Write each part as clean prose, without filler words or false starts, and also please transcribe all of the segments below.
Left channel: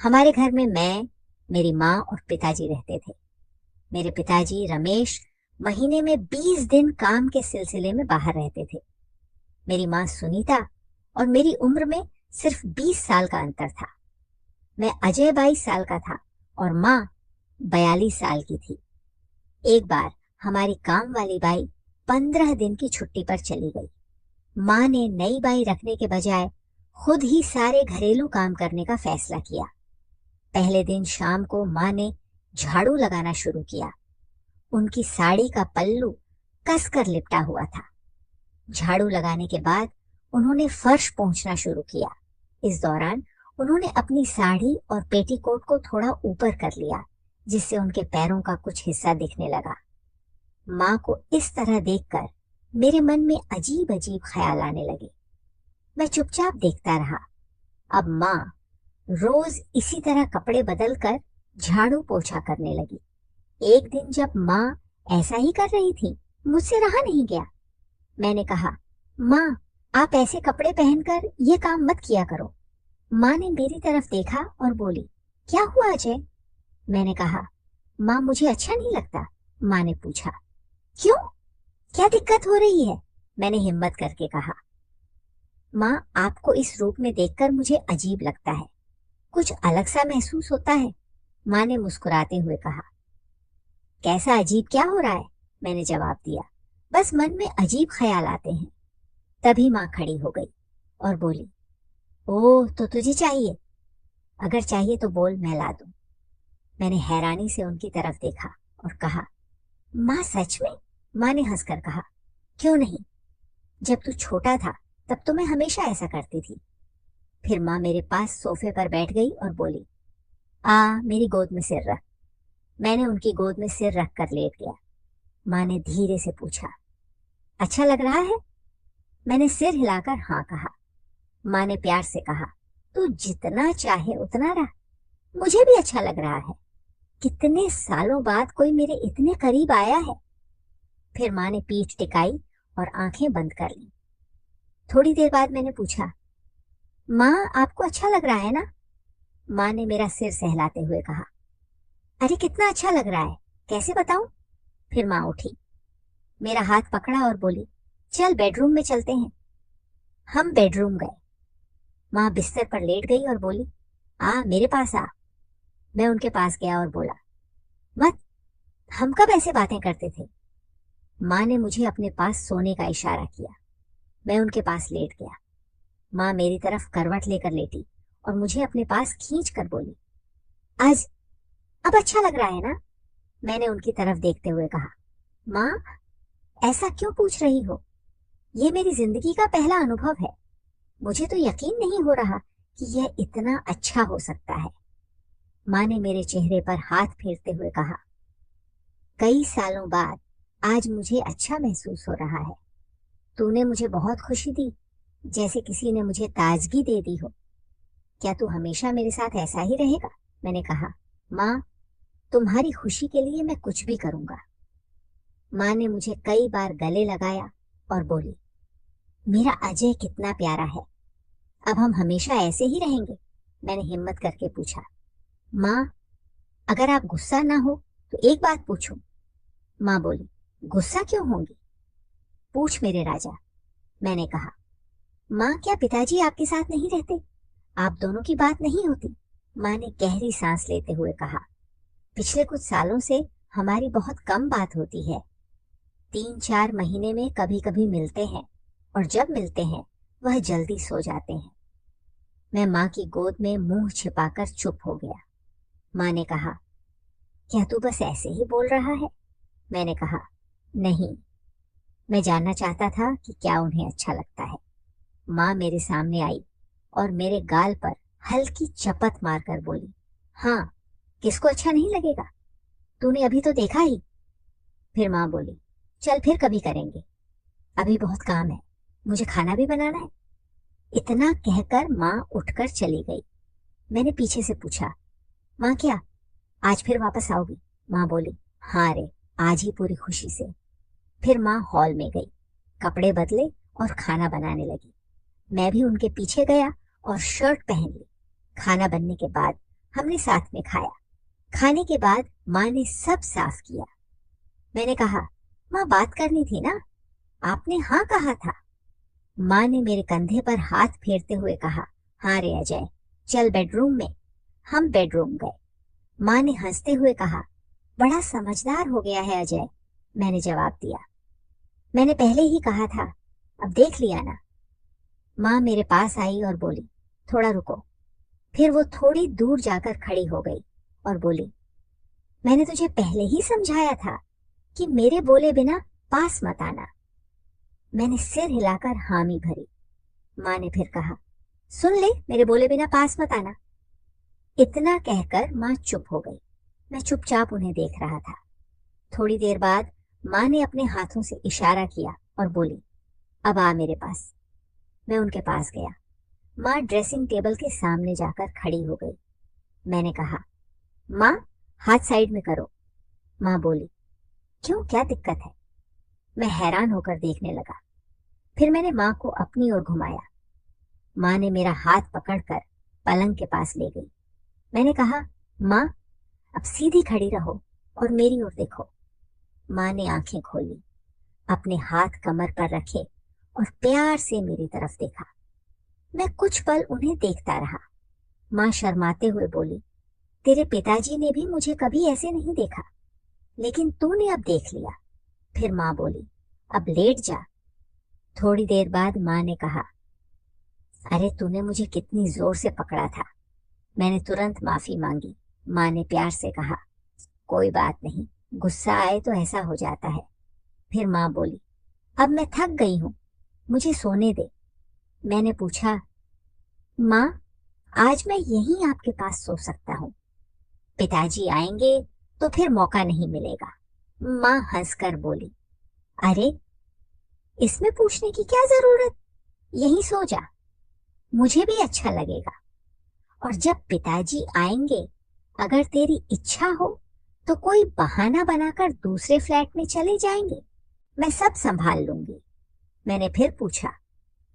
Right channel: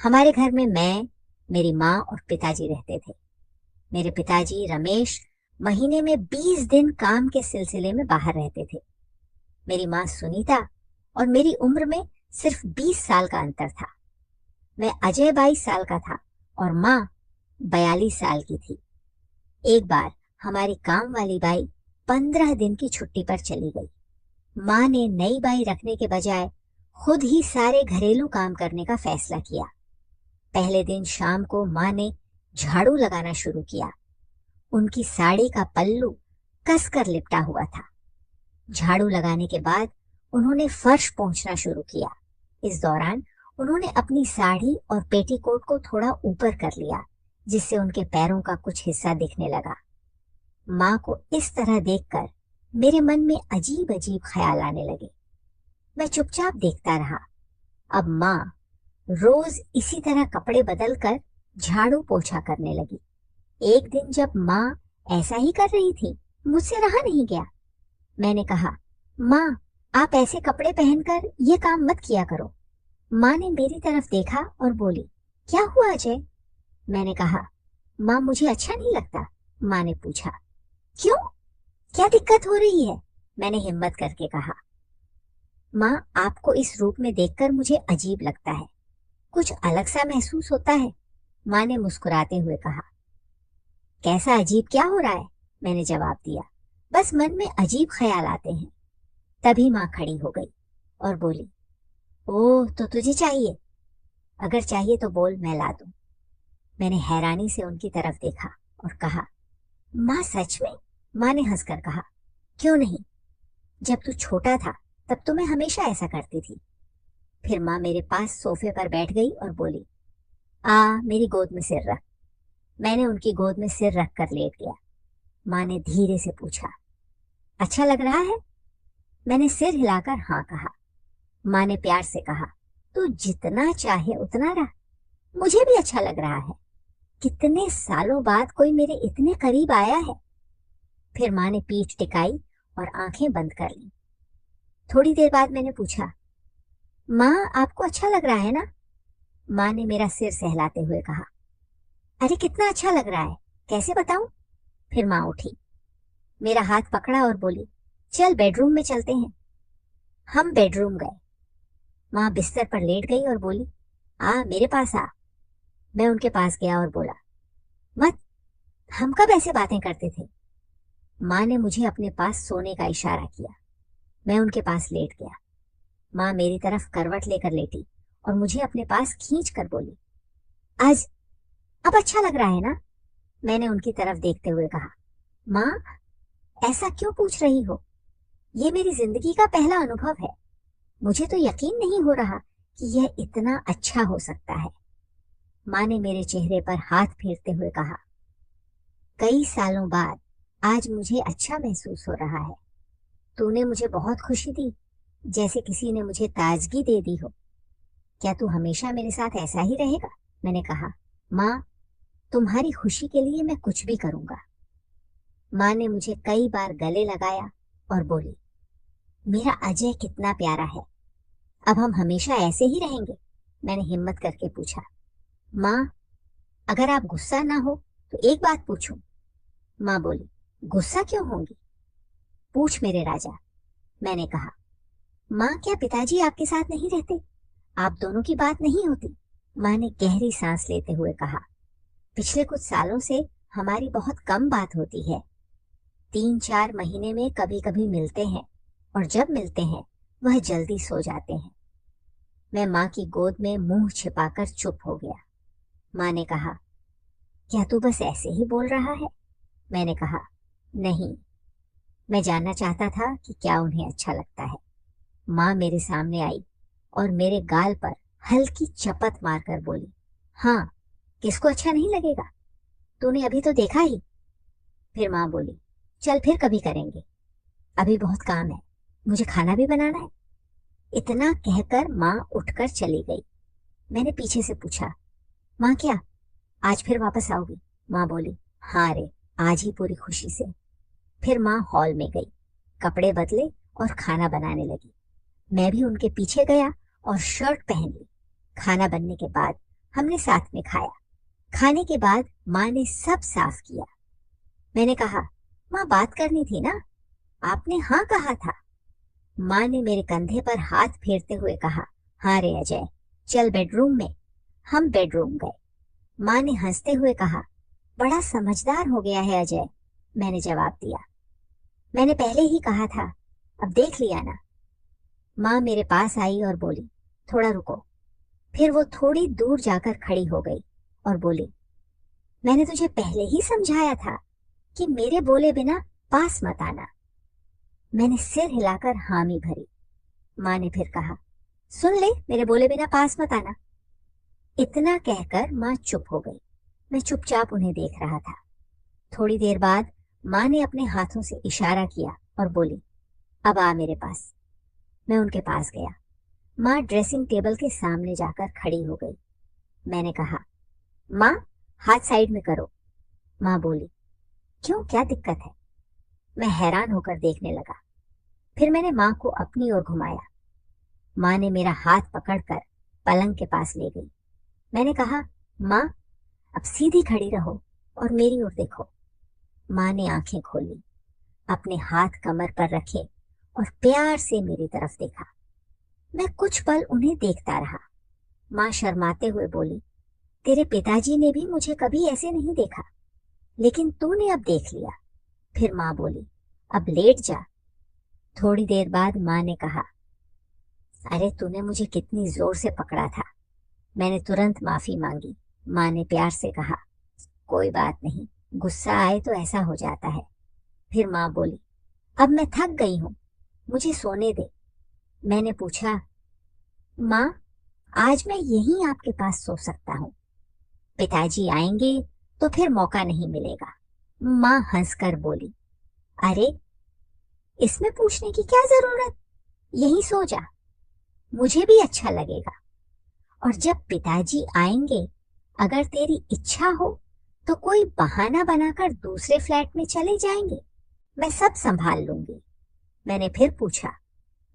हमारे घर में मैं, मेरी माँ और पिताजी रहते थे। मेरे पिताजी रमेश महीने में 20 दिन काम के सिलसिले में बाहर रहते थे। मेरी माँ सुनीता और मेरी उम्र में सिर्फ 20 साल का अंतर था। मैं अजय 22 साल का था और माँ 42 साल की थी। एक बार हमारी काम वाली बाई 15 दिन की छुट्टी पर चली गई। माँ ने नई बाई रखने के बजाय खुद ही सारे घरेलू काम करने का फैसला किया। पहले दिन शाम को माँ ने झाड़ू लगाना शुरू किया। उनकी साड़ी का पल्लू कसकर लिपटा हुआ था। झाड़ू लगाने के बाद उन्होंने फर्श पोंछना शुरू किया। इस दौरान उन्होंने अपनी साड़ी और पेटीकोट को थोड़ा ऊपर कर लिया, जिससे उनके पैरों का कुछ हिस्सा दिखने लगा। माँ को इस तरह देखकर मेरे मन में अजीब अजीब ख्याल आने लगे। मैं चुपचाप देखता रहा। अब माँ रोज इसी तरह कपड़े बदलकर झाड़ू पोछा करने लगी। एक दिन जब माँ ऐसा ही कर रही थी, मुझसे रहा नहीं गया। मैंने कहा, माँ, आप ऐसे कपड़े पहनकर ये काम मत किया करो। माँ ने मेरी तरफ देखा और बोली, क्या हुआ अजय? मैंने कहा, माँ, मुझे अच्छा नहीं लगता। माँ ने पूछा, क्यों? क्या दिक्कत हो रही है? मैंने हिम्मत करके कहा, माँ, आपको इस रूप में देखकर मुझे अजीब लगता है, कुछ अलग सा महसूस होता है। माँ ने मुस्कुराते हुए कहा, कैसा अजीब क्या हो रहा है? मैंने जवाब दिया, बस मन में अजीब ख्याल आते हैं। तभी माँ खड़ी हो गई और बोली, ओह, तो तुझे चाहिए? अगर चाहिए तो बोल, मैं ला दूं। मैंने हैरानी से उनकी तरफ देखा और कहा, माँ, सच में? माँ ने हंसकर कहा, क्यों नहीं, जब तू छोटा था तब तो मैं हमेशा ऐसा करती थी। फिर माँ मेरे पास सोफे पर बैठ गई और बोली, मेरी गोद में सिर रख। मैंने उनकी गोद में सिर रख कर लेट गया। माँ ने धीरे से पूछा, अच्छा लग रहा है? मैंने सिर हिलाकर हाँ कहा। माँ ने प्यार से कहा, तू जितना चाहे उतना रह, मुझे भी अच्छा लग रहा है। कितने सालों बाद कोई मेरे इतने करीब आया है। फिर माँ ने पीठ टिकाई और आंखें बंद कर ली। थोड़ी देर बाद मैंने पूछा, माँ, आपको अच्छा लग रहा है ना? माँ ने मेरा सिर सहलाते हुए कहा, अरे कितना अच्छा लग रहा है, कैसे बताऊं? फिर माँ उठी, मेरा हाथ पकड़ा और बोली, चल बेडरूम में चलते हैं। हम बेडरूम गए। माँ बिस्तर पर लेट गई और बोली, मेरे पास आ। मैं उनके पास गया और बोला, मत, हम कब ऐसे बातें करते थे? माँ ने मुझे अपने पास सोने का इशारा किया। मैं उनके पास लेट गया। माँ मेरी तरफ करवट लेकर लेटी और मुझे अपने पास खींच कर बोली, आज अब अच्छा लग रहा है ना? मैंने उनकी तरफ देखते हुए कहा, माँ, ऐसा क्यों पूछ रही हो? ये मेरी जिंदगी का पहला अनुभव है। मुझे तो यकीन नहीं हो रहा कि यह इतना अच्छा हो सकता है। माँ ने मेरे चेहरे पर हाथ फेरते हुए कहा, कई सालों बाद आज मुझे अच्छा महसूस हो रहा है। तूने मुझे बहुत खुशी दी, जैसे किसी ने मुझे ताजगी दे दी हो। क्या तू हमेशा मेरे साथ ऐसा ही रहेगा? मैंने कहा, माँ, तुम्हारी खुशी के लिए मैं कुछ भी करूंगा। माँ ने मुझे कई बार गले लगाया और बोली, मेरा अजय कितना प्यारा है, अब हम हमेशा ऐसे ही रहेंगे? मैंने हिम्मत करके पूछा, माँ, अगर आप गुस्सा ना हो तो एक बात पूछूं? माँ बोली, गुस्सा क्यों होंगी? पूछ मेरे राजा। मैंने कहा, माँ, क्या पिताजी आपके साथ नहीं रहते? आप दोनों की बात नहीं होती? माँ ने गहरी सांस लेते हुए कहा, पिछले कुछ सालों से हमारी बहुत कम बात होती है। 3-4 महीने में कभी कभी मिलते हैं और जब मिलते हैं वह जल्दी सो जाते हैं। मैं माँ की गोद में मुंह छिपाकर चुप हो गया। माँ ने कहा, क्या तू बस ऐसे ही बोल रहा है? मैंने कहा, नहीं, मैं जानना चाहता था कि क्या उन्हें अच्छा लगता है। माँ मेरे सामने आई और मेरे गाल पर हल्की चपत मारकर बोली, हाँ, किसको अच्छा नहीं लगेगा? तूने अभी तो देखा ही। फिर माँ बोली, चल फिर कभी करेंगे, अभी बहुत काम है, मुझे खाना भी बनाना है। इतना कहकर माँ उठकर चली गई। मैंने पीछे से पूछा, माँ, क्या आज फिर वापस आओगी? माँ बोली, हाँ रे, आज ही पूरी खुशी से। फिर माँ हॉल में गई, कपड़े बदले और खाना बनाने लगी। मैं भी उनके पीछे गया और शर्ट पहन ली। खाना बनने के बाद हमने साथ में खाया। खाने के बाद माँ ने सब साफ किया। मैंने कहा, माँ बात करनी थी ना, आपने हाँ कहा था। माँ ने मेरे कंधे पर हाथ फेरते हुए कहा, हाँ रे अजय, चल बेडरूम में। हम बेडरूम गए। माँ ने हंसते हुए कहा, बड़ा समझदार हो गया है अजय। मैंने जवाब दिया, मैंने पहले ही कहा था, अब देख लिया ना। माँ मेरे पास आई और बोली, थोड़ा रुको। फिर वो थोड़ी दूर जाकर खड़ी हो गई और बोली, मैंने तुझे पहले ही समझाया था कि मेरे बोले बिना पास मत आना। मैंने सिर हिलाकर हामी भरी। माँ ने फिर कहा, सुन ले, मेरे बोले बिना पास मत आना। इतना कहकर माँ चुप हो गई। मैं चुपचाप उन्हें देख रहा था। थोड़ी देर बाद माँ ने अपने हाथों से इशारा किया और बोली, अब आ मेरे पास। मैं उनके पास गया। माँ ड्रेसिंग टेबल के सामने जाकर खड़ी हो गई। मैंने कहा, माँ हाथ साइड में करो। माँ बोली, क्यों, क्या दिक्कत है? मैं हैरान होकर देखने लगा। फिर मैंने माँ को अपनी ओर घुमाया। माँ ने मेरा हाथ पकड़कर पलंग के पास ले गई। मैंने कहा, माँ अब सीधी खड़ी रहो और मेरी ओर देखो। माँ ने आंखें खोली, अपने हाथ कमर पर रखे और प्यार से मेरी तरफ देखा। मैं कुछ पल उन्हें देखता रहा। माँ शर्माते हुए बोली, तेरे पिताजी ने भी मुझे कभी ऐसे नहीं देखा, लेकिन तूने अब देख लिया। फिर माँ बोली, अब लेट जा। थोड़ी देर बाद माँ ने कहा, अरे तूने मुझे कितनी जोर से पकड़ा था। मैंने तुरंत माफी मांगी। माँ ने प्यार से कहा, कोई बात नहीं, गुस्सा आए तो ऐसा हो जाता है। फिर माँ बोली, अब मैं थक गई हूँ, मुझे सोने दे। मैंने पूछा, माँ आज मैं यहीं आपके पास सो सकता हूँ, पिताजी आएंगे तो फिर मौका नहीं मिलेगा। माँ हंसकर बोली, अरे इसमें पूछने की क्या जरूरत, यहीं सो जा, मुझे भी अच्छा लगेगा। और जब पिताजी आएंगे, अगर तेरी इच्छा हो तो कोई बहाना बनाकर दूसरे फ्लैट में चले जाएंगे, मैं सब संभाल लूंगी। मैंने फिर पूछा,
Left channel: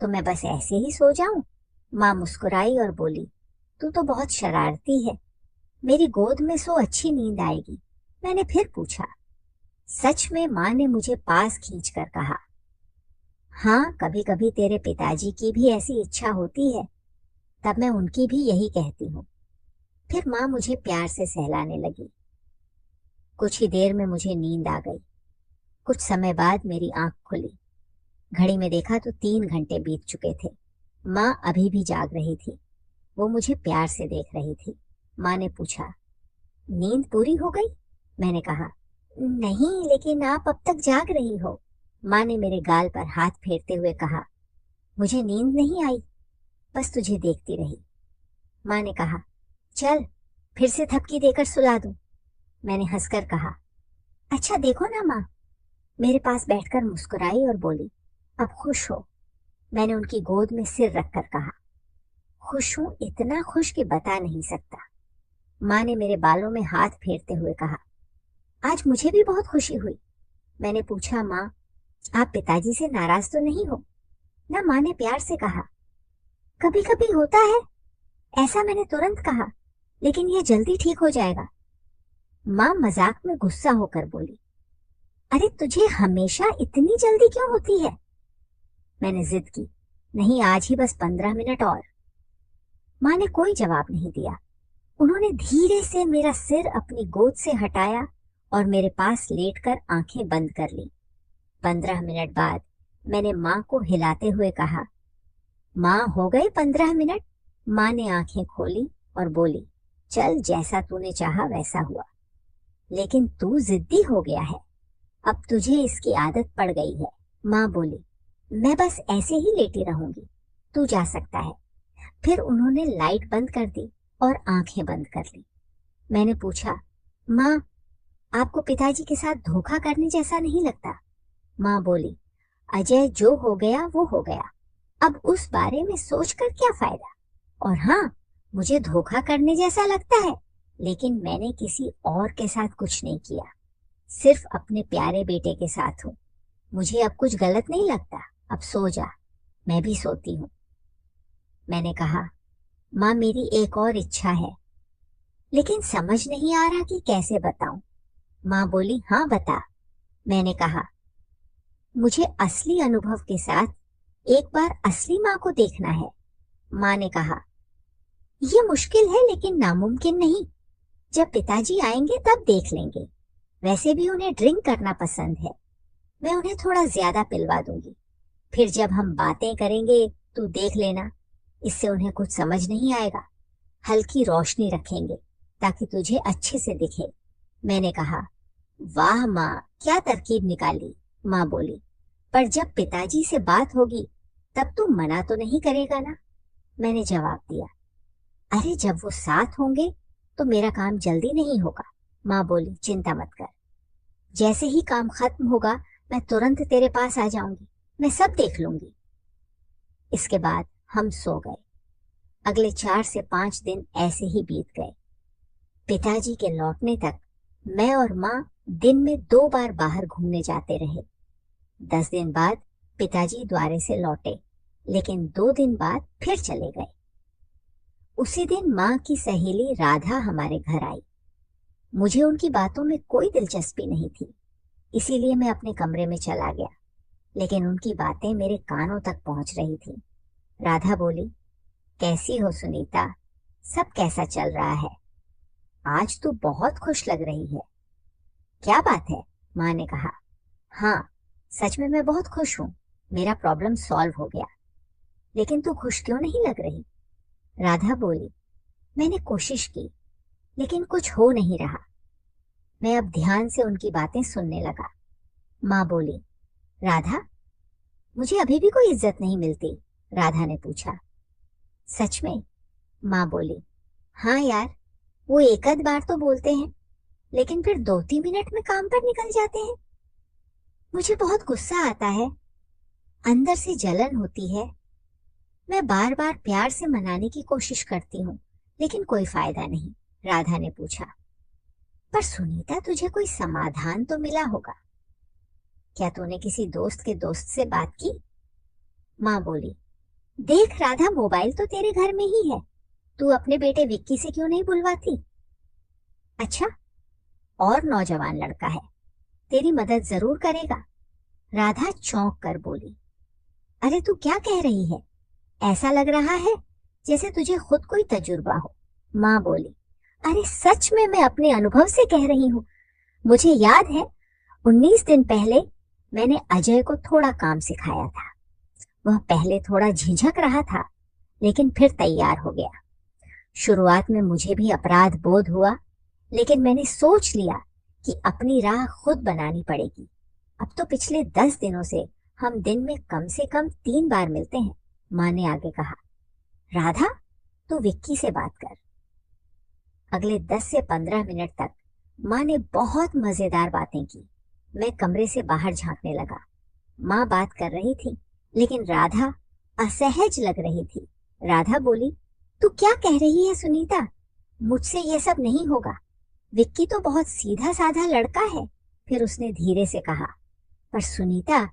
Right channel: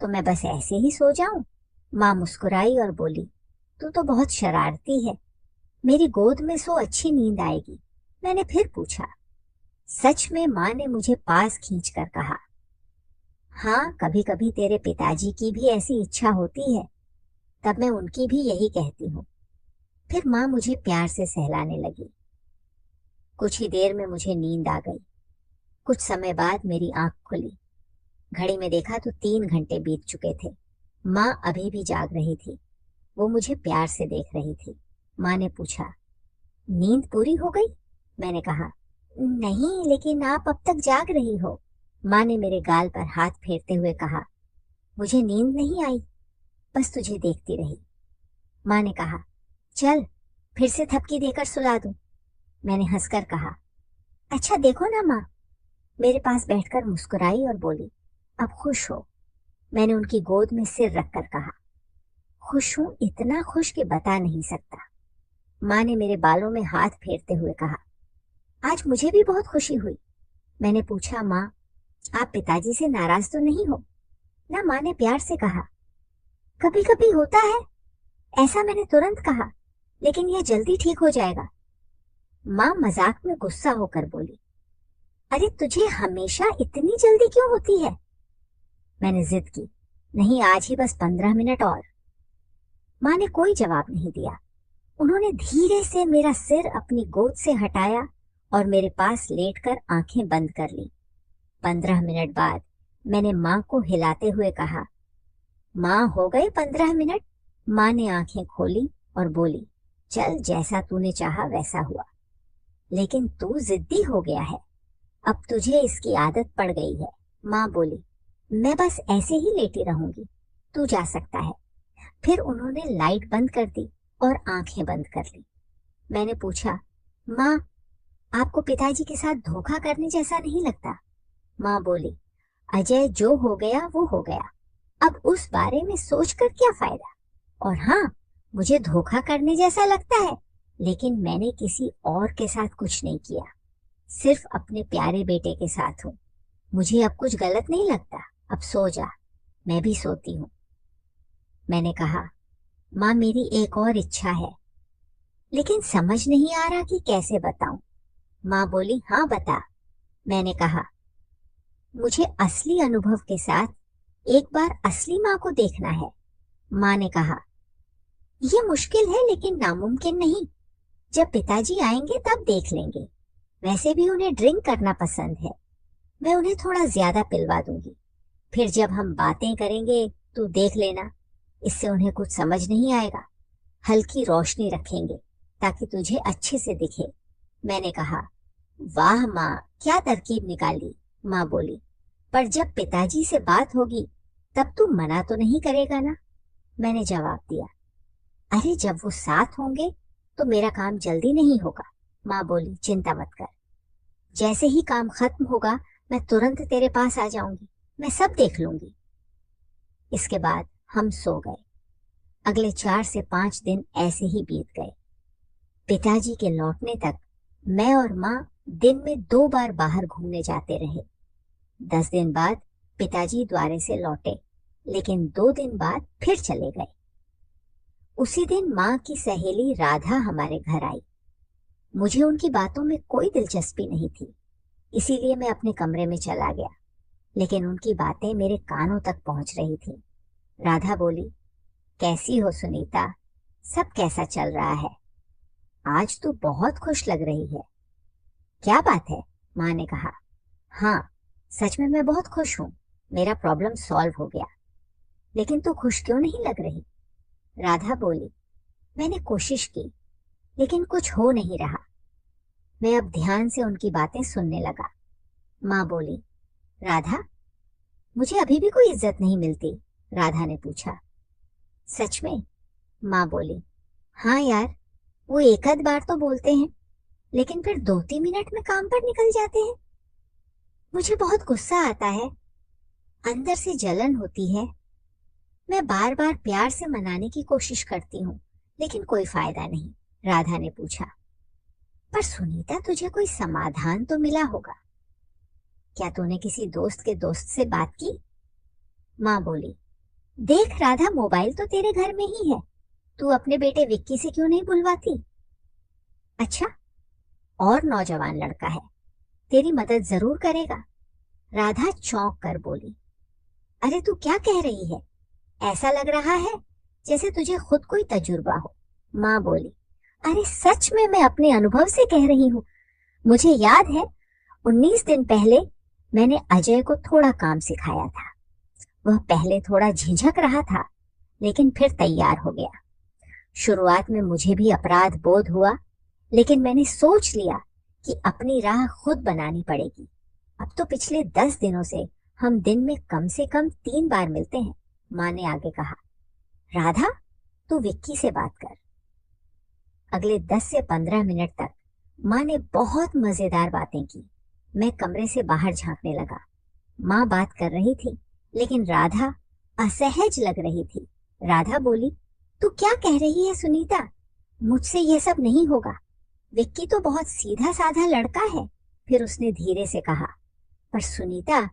तो मैं बस ऐसे ही सो जाऊं? माँ मुस्कुराई और बोली, तू तो बहुत शरारती है, मेरी गोद में सो अच्छी नींद आएगी। मैंने फिर पूछा। सच में माँ ने मुझे पास खींचकर कहा, हाँ कभी कभी तेरे पिताजी की भी ऐसी इच्छा होती है, तब मैं उनकी भी यही कहती हूँ। फिर माँ मुझे प्यार से सहलाने लगी। कुछ ही देर में मुझे नींद आ गई। कुछ समय बाद मेरी आंख खुली। घड़ी में देखा तो 3 घंटे बीत चुके थे। माँ अभी भी जाग रही थी। वो मुझे प्यार से देख रही थी। माँ ने पूछा, नींद पूरी हो गई? मैंने कहा, नहीं, लेकिन आप अब तक जाग रही हो। माँ ने मेरे गाल पर हाथ फेरते हुए कहा, मुझे नींद नहीं आई, बस तुझे देखती रही। माँ ने कहा, चल फिर से थपकी देकर सुला दूं। मैंने हंसकर कहा, अच्छा देखो ना माँ। मेरे पास बैठकर मुस्कुराई और बोली, अब खुश हो? मैंने उनकी गोद में सिर रखकर कहा, खुश हूं, इतना खुश कि बता नहीं सकता। माँ ने मेरे बालों में हाथ फेरते हुए कहा, आज मुझे भी बहुत खुशी हुई। मैंने पूछा, माँ आप पिताजी से नाराज तो नहीं हो ना? माँ ने प्यार से कहा, कभी कभी होता है ऐसा। मैंने तुरंत कहा, लेकिन यह जल्दी ठीक हो जाएगा। माँ मजाक में गुस्सा होकर बोली, अरे तुझे हमेशा इतनी जल्दी क्यों होती है? मैंने जिद की, नहीं आज ही बस 15 मिनट और। माँ ने कोई जवाब नहीं दिया। उन्होंने धीरे से मेरा सिर अपनी गोद से हटाया और मेरे पास लेटकर आंखें बंद कर ली। 15 मिनट बाद मैंने माँ को हिलाते हुए कहा, माँ हो गए 15 मिनट? माँ ने आंखें खोली और बोली, चल जैसा तूने चाहा वैसा हुआ, लेकिन तू जिद्दी हो गया है, अब तुझे इसकी आदत पड़ गई है। माँ बोली, मैं बस ऐसे ही लेटी रहूंगी, तू जा सकता है। फिर उन्होंने लाइट बंद कर दी और आंखें बंद कर ली। मैंने पूछा, माँ आपको पिताजी के साथ धोखा करने जैसा नहीं लगता? माँ बोली, अजय जो हो गया वो हो गया, अब उस बारे में सोचकर क्या फायदा। और हाँ, मुझे धोखा करने जैसा लगता है, लेकिन मैंने किसी और के साथ कुछ नहीं किया, सिर्फ अपने प्यारे बेटे के साथ हूँ। मुझे अब कुछ गलत नहीं लगता, अब सो जा। मैं भी सोती हूँ। मैंने कहा, माँ मेरी एक और इच्छा है। लेकिन समझ नहीं आ रहा कि कैसे बताऊं। माँ बोली, हाँ बता। मैंने कहा, मुझे असली अनुभव के साथ एक बार असली माँ को देखना है। माँ ने कहा, ये मुश्किल है लेकिन नामुमकिन नहीं। जब पिताजी आएंगे तब देख लेंगे। वैसे भी उन्हें ड्रिंक करना पसंद है। मैं उन्हें थोड़ा ज्यादा पिलवा दूंगी। फिर जब हम बातें करेंगे तू देख लेना। इससे उन्हें कुछ समझ नहीं आएगा। हल्की रोशनी रखेंगे ताकि तुझे अच्छे से दिखे। मैंने कहा, वाह माँ, क्या तरकीब निकाली। माँ बोली, पर जब पिताजी से बात होगी तब तू मना तो नहीं करेगा ना। मैंने जवाब दिया, अरे जब वो साथ होंगे तो मेरा काम जल्दी नहीं होगा। माँ बोली, चिंता मत कर। जैसे ही काम खत्म होगा मैं तुरंत तेरे पास आ जाऊंगी। मैं सब देख लूंगी। इसके बाद हम सो गए। अगले 4 से 5 दिन ऐसे ही बीत गए। पिताजी के लौटने तक मैं और माँ दिन में 2 बार बाहर घूमने जाते रहे। 10 दिन बाद पिताजी द्वारे से लौटे, लेकिन 2 दिन बाद फिर चले गए। उसी दिन माँ की सहेली राधा हमारे घर आई। मुझे उनकी बातों में कोई दिलचस्पी नहीं थी, इसीलिए मैं अपने कमरे में चला गया। लेकिन उनकी बातें मेरे कानों तक पहुंच रही थी। राधा बोली, कैसी हो सुनीता? सब कैसा चल रहा है? आज तू बहुत खुश लग रही है। क्या बात है? माँ ने कहा। हाँ, सच में मैं बहुत खुश हूँ। मेरा प्रॉब्लम सॉल्व हो गया। लेकिन तू खुश क्यों नहीं लग रही? राधा बोली, मैंने कोशिश की लेकिन कुछ हो नहीं रहा। मैं अब ध्यान से उनकी बातें सुनने लगा। माँ बोली, राधा, मुझे अभी भी कोई इज्जत नहीं मिलती। राधा ने पूछा। सच में? माँ बोली, हाँ यार, वो एक आध बार तो बोलते हैं, लेकिन फिर 2-3 मिनट में काम पर निकल जाते हैं। मुझे बहुत गुस्सा आता है, अंदर से जलन होती है। मैं बार बार प्यार से मनाने की कोशिश करती हूँ, लेकिन कोई फायदा नहीं। राधा ने पूछा, पर सुनीता, तुझे कोई समाधान तो मिला होगा। क्या तूने किसी दोस्त के दोस्त से बात की? माँ बोली, देख राधा, मोबाइल तो तेरे घर में ही है। तू अपने बेटे विक्की से क्यों नहीं बुलवाती? अच्छा, और नौजवान लड़का है, तेरी मदद जरूर करेगा। राधा चौंक कर बोली, अरे तू क्या कह रही है? ऐसा लग रहा है जैसे तुझे खुद कोई तजुर्बा हो। माँ बोली, अरे सच में मैं अपने अनुभव से कह रही हूँ। मुझे याद है 19 दिन पहले मैंने अजय को थोड़ा काम सिखाया था। वह पहले थोड़ा झिझक रहा था, लेकिन फिर तैयार हो गया। शुरुआत में मुझे भी अपराध बोध हुआ, लेकिन मैंने सोच लिया कि अपनी राह खुद बनानी पड़ेगी। अब तो पिछले 10 दिनों से हम दिन में कम से कम 3 बार मिलते हैं। माँ ने आगे कहा, राधा, तू विक्की से बात कर। अगले 10 से 15 मिनट तक माँ ने बहुत मजेदार बातें की। मैं कमरे से बाहर झांकने लगा। माँ बात कर रही थी, लेकिन राधा असहज लग रही थी। राधा बोली, तू क्या कह रही है सुनीता? मुझसे ये सब नहीं होगा। विक्की तो बहुत सीधा साधा लड़का है। फिर उसने धीरे से कहा, पर सुनीता,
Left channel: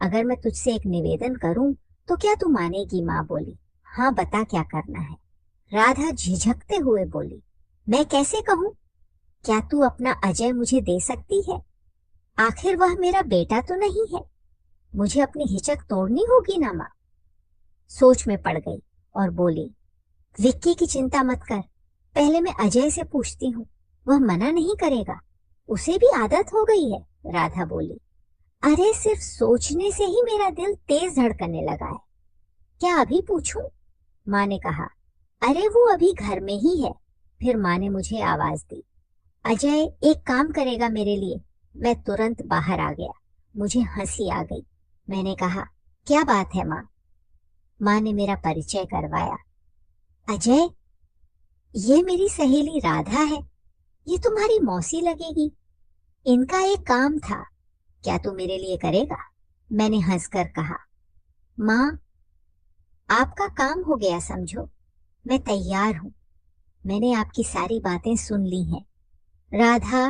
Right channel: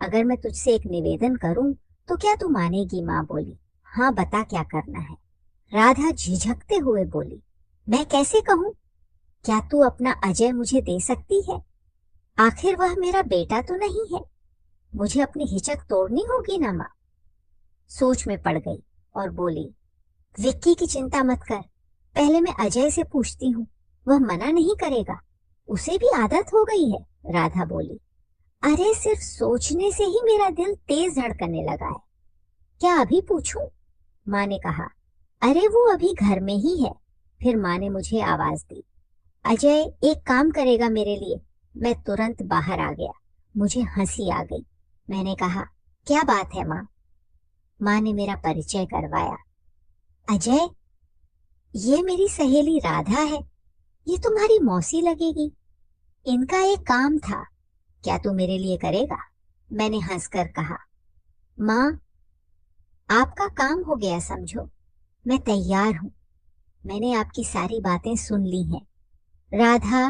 अगर मैं तुझसे एक निवेदन करूं तो क्या तू मानेगी? माँ बोली, हाँ बता, क्या करना है? राधा झिझकते हुए बोली, मैं कैसे कहूँ? क्या तू अपना अजय मुझे दे सकती है? आखिर वह मेरा बेटा तो नहीं है। मुझे अपनी हिचक तोड़नी होगी ना। माँ सोच में पड़ गई और बोली, विक्की की चिंता मत कर, पहले मैं अजय से पूछती हूँ। वह मना नहीं करेगा, उसे भी आदत हो गई है। राधा बोली, अरे सिर्फ सोचने से ही मेरा दिल तेज धड़कने लगा है। क्या अभी पूछूं? माँ ने कहा, अरे वो अभी घर में ही है। फिर माँ ने मुझे आवाज दी, अजय एक काम करेगा मेरे लिए। मैं तुरंत बाहर आ गया। मुझे हंसी आ गई। मैंने कहा, क्या बात है माँ? माँ ने मेरा परिचय करवाया। अजय, ये मेरी सहेली राधा है। ये तुम्हारी मौसी लगेगी। इनका एक काम था, क्या तू मेरे लिए करेगा? मैंने हंसकर कहा, माँ, आपका काम हो गया समझो। मैं तैयार हूँ। मैंने आपकी सारी बातें सुन ली हैं। राधा,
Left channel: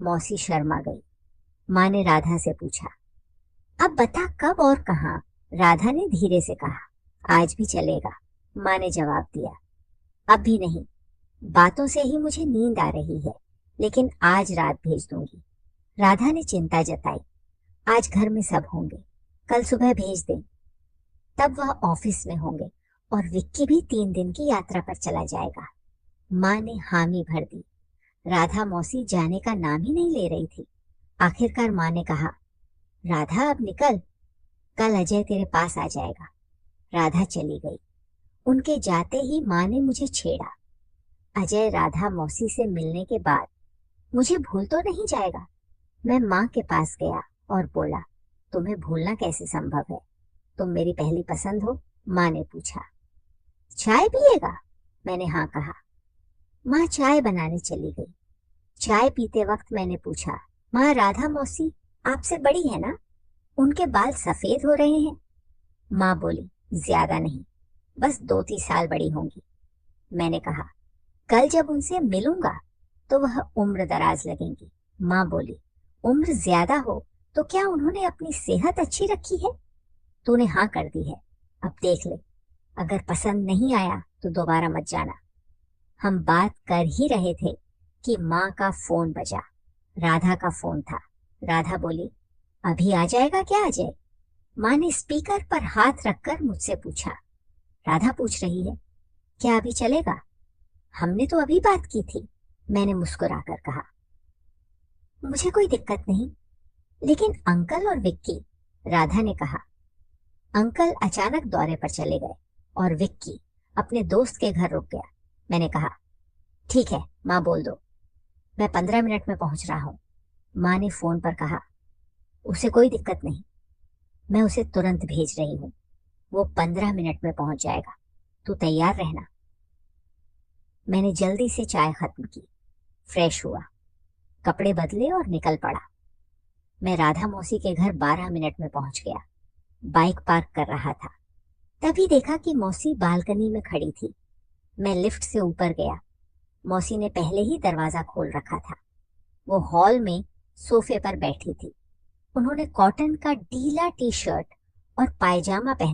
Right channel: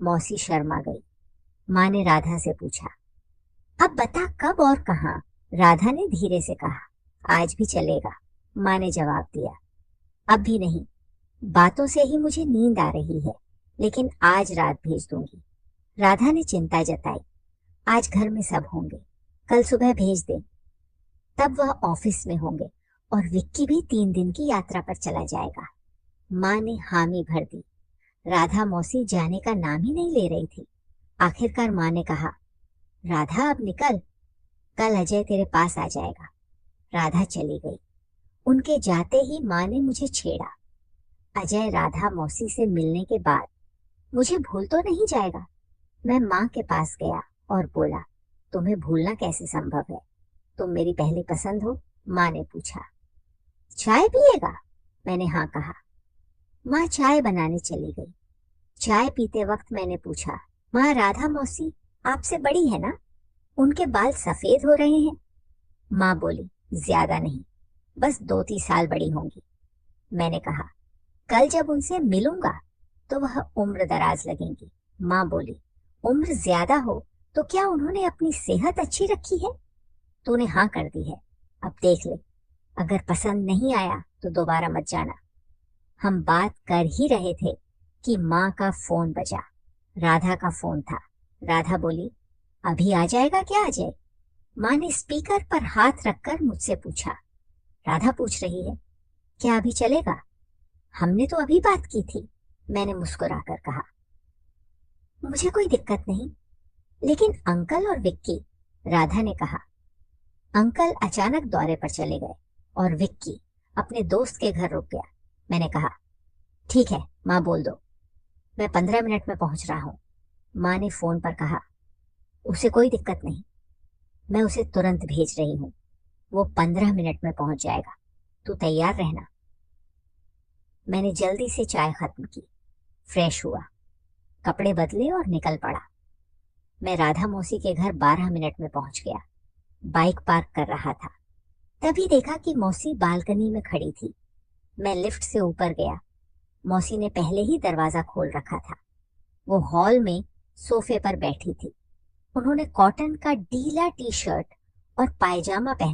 मौसी शर्मा गई। माँ ने राधा से पूछा, अब बता कब और कहाँ? राधा ने धीरे से कहा, आज भी चलेगा। माँ ने जवाब दिया, अब भी नहीं, बातों से ही मुझे नींद आ रही है, लेकिन आज रात भेज दूंगी। राधा ने चिंता जताई। आज घर में सब होंगे, कल सुबह भेज दे। तब वह ऑफिस में होंगे और विक्की भी 3 दिन की यात्रा पर चला जाएगा। माँ ने हामी भर दी। राधा मौसी जाने का नाम ही नहीं ले रही थी। आखिरकार माँ ने कहा, राधा अब निकल, कल अजय तेरे पास आ जाएगा। राधा चली गई। उनके जाते ही माँ ने मुझे छेड़ा। अजय राधा मौसी से मिलने के बाद मुझे भूल तो नहीं जाएगा। मैं माँ के पास गया और बोला, तुम्हें भूलना कैसे संभव है? तुम मेरी पहली पसंद हो। माँ ने पूछा, चाय पिएगा? मैंने हाँ कहा। माँ चाय बनाने चली गई। चाय पीते वक्त मैंने पूछा, माँ राधा मौसी आपसे बड़ी है ना? उनके बाल सफेद हो रहे हैं। माँ बोली, ज्यादा नहीं, बस 2-3 साल बड़ी होंगी। मैंने कहा, कल जब उनसे मिलूंगा तो वह उम्र दराज लगेंगी। माँ बोली, उम्र ज्यादा हो तो क्या उन्होंने अपनी सेहत अच्छी रखी है? तूने हाँ कर दी है, अब देख ले, अगर पसंद नहीं आया तो दोबारा मत जाना। हम बात कर ही रहे थे कि माँ का फोन बजा। राधा का फोन था। राधा बोली, अभी आ जाएगा क्या अजय? माँ ने स्पीकर पर हाथ रखकर मुझसे पूछा। राधा पूछ रही है, क्या अभी चलेगा? हमने तो अभी बात की थी। मैंने मुस्कुराकर कहा, मुझे कोई दिक्कत नहीं, लेकिन अंकल और विक्की। राधा ने कहा, अंकल अचानक दौरे पर चले गए और विक्की अपने दोस्त के घर रुक गया। मैंने कहा, ठीक है माँ, बोल दो, मैं 15 मिनट में पहुंच रहा हूँ। माँ ने फोन पर कहा, उसे कोई दिक्कत नहीं, मैं उसे तुरंत भेज रही हूँ, वो 15 मिनट में पहुंच जाएगा, तू तैयार रहना। मैंने जल्दी से चाय खत्म की, फ्रेश हुआ, कपड़े बदले और निकल पड़ा। मैं राधा मौसी के घर 12 मिनट में पहुंच गया। बाइक पार्क कर रहा था, तभी देखा कि मौसी बालकनी में खड़ी थी। मैं लिफ्ट से ऊपर गया। मौसी ने पहले ही दरवाजा खोल रखा था। वो हॉल में सोफे पर बैठी थी। उन्होंने कॉटन का ढीला टी शर्ट और पायजामा पहना